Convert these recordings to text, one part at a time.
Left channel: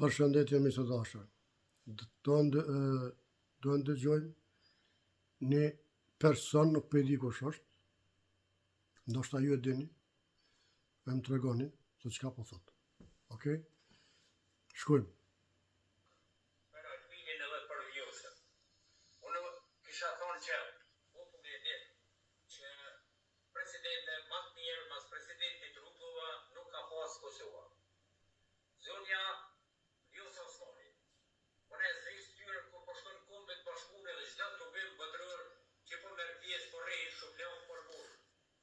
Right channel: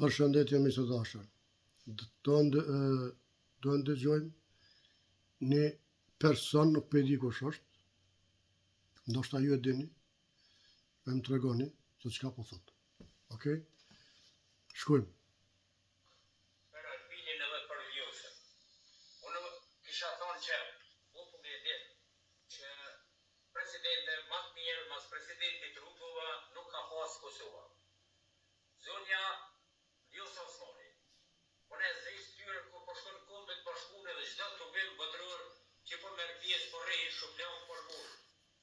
Përshëndetje miq të dashur. Do ndëgjojmë një person, nuk po e di kush është. Ndoshta ju e dini. Po më tregoni se çka po thot. Okej? Shkojmë. Për Albinin edhe për Vjosën. Unë kisha thonë që populli e din që presidente më të mirë mas presidentit Rugova nuk ka pas Kosova. Zonja Vjosa Osmani. Unë e zri styre kur po shkon kombet bashkune dhe çdo të bim botëror që po merr pjesë po rrejt shuplon për burr.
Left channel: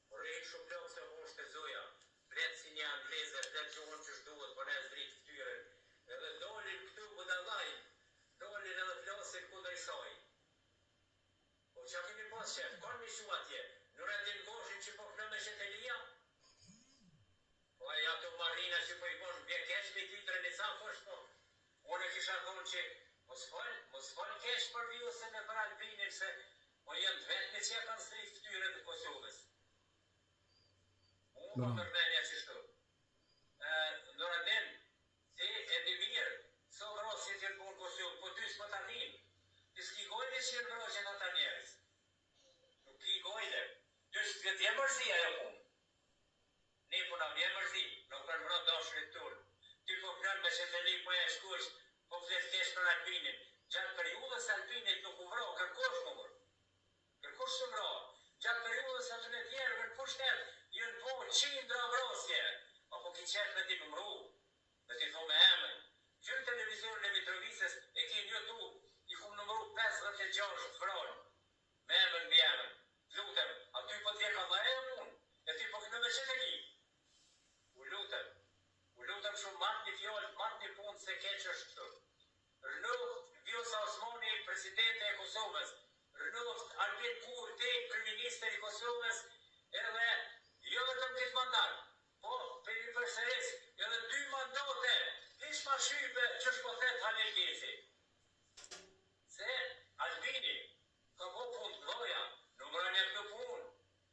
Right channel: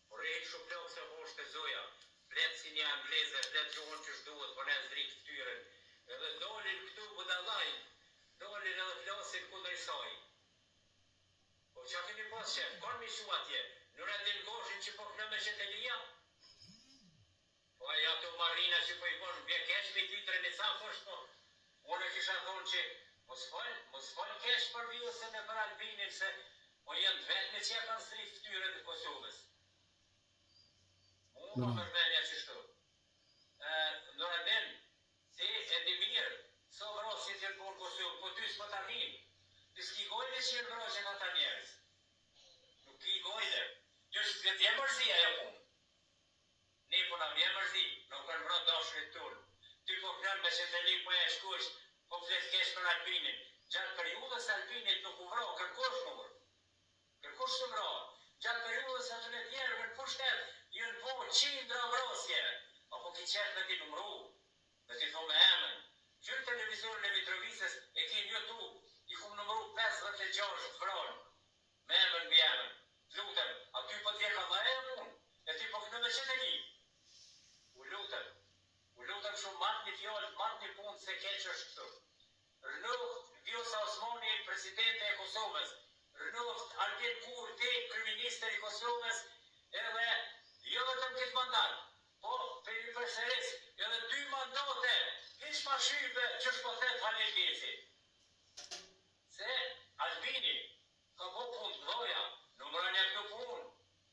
Po rrejt shuplon se hoshte zoja. Flet si një angleze, flet gjuhën që shduhet, po ne zri ftyrën. Edhe dolin këtu budallajn, dolin edhe flasin kundër saj. Po çka keni pas shef? Kanë mi shu atje. Nuk e din goshin që po kënë me Shetelia? Po aja të marina që po i konë bje kesh me dytërën e sa fësht po. Unë kisha thonë që mos fal kesh për Vjosën e për Albinin se po janë të vetëme që ja kanë zri ftyrën e Kosovës. Mu po mërmenja që shtu. Noradin, ti e di mirë, so vrosje të në Kosovë, po ty s'po ta nin. Ti s'ki gojle që jenë vrosje në ta njerës. Nuk ki gojle. Ty s'kët je mërzia jo punë. Ne po na vjen mërzi, nuk kanë vrot dashrit tonë. Ty po kënë me Sheteli po e shkush, po flet kesh për Albinin. Gjatë periudhës Albinit nuk u vro, kërkosh numër. Kërkosh të vro. Gjatë periudhës atë në tjerë, në pushtet, jenë po qindra vrosje. Apo ki qetë me ti numru, me ti thome emën. Qërë televizorën e Mitrovisës e ki në YouTube, i kum numru 56 vronë. Me emën mbi emën. Lutem, aty po t'je ka dhaja punë, e ti po kënë me Sheteli. U lutëm shumë marrë një fjallë, marrë një punë se keq është këtu. Rënoft Vjosa Osmani, presidente e Kosovës. Rënoft Albin Kurti, kryeministër i Kosovës, edhe jo vetëm këtë mandat, po për një përsëris, edhe 2 mandate, hiç ma shype që shpothet Halil Geci. Se Albini ka po punë të doja, numërën e këtë punë,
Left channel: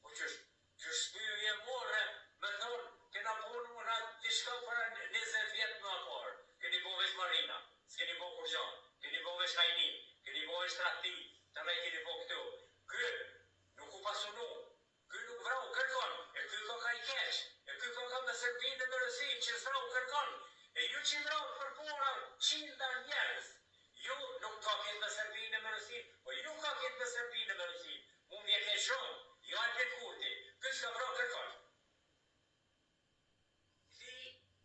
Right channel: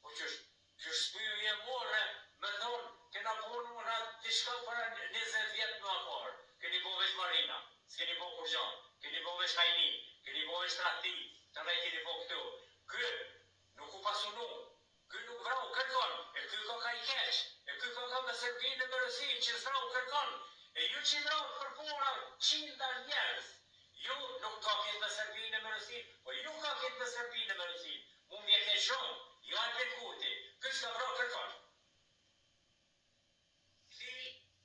po që shpyu je morë, me thonë, kena punu në dishka për 20 vjetë më aparë. Keni bo vesh Marina, s'keni bo Kurgjan, keni bo vesh Hajni, keni bo vesh Trakti, të rej keni bo këtu. Kë nuk u pasunu, kë nuk vrau kërkon, e kë ka ka i kesh, e kë ka me Serbinë me Rësim që zvrau kërkon, e ju që vrau përpora 100 njerës. Ju nuk ka këtë me Serbinë me Rësim, po ju ka këtë me Serbinë me Rësim. Unë vje ke shumë, ju Albin Kurti, kë që ka vrau kërkon.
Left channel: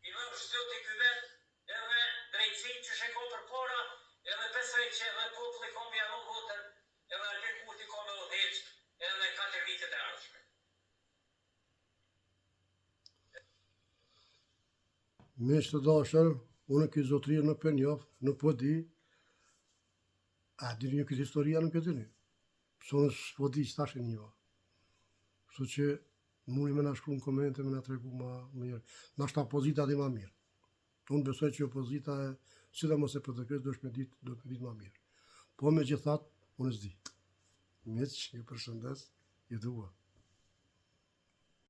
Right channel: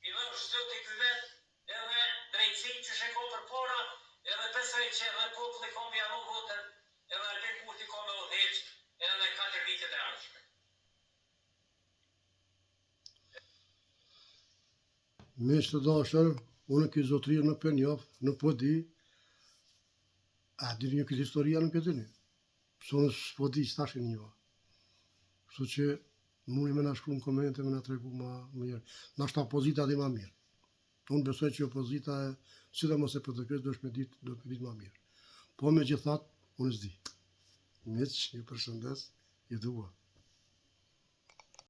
I dhe është zëtë i kyvet, edhe drejtësi që sheko për para, edhe besoj që edhe populli ka me janu votën, edhe Albin Kurti ka me odheq, edhe 4 vitet e arshme. Miq të dashur, unë këtë zotëria nuk për njof, nuk po di, a dini një këtë historia nuk e dini. Pëso në s'po di që tash e njoha. Kështu që mundi me na shkru në komente, me na tregu ma mirë. Nashta opozita di ma mirë. Unë besoj që opozita e, sidomos e PDK-s, do të ditë ma mirë. Po me gjithat, unë s'di. Miq, ju përshëndes, ju dua.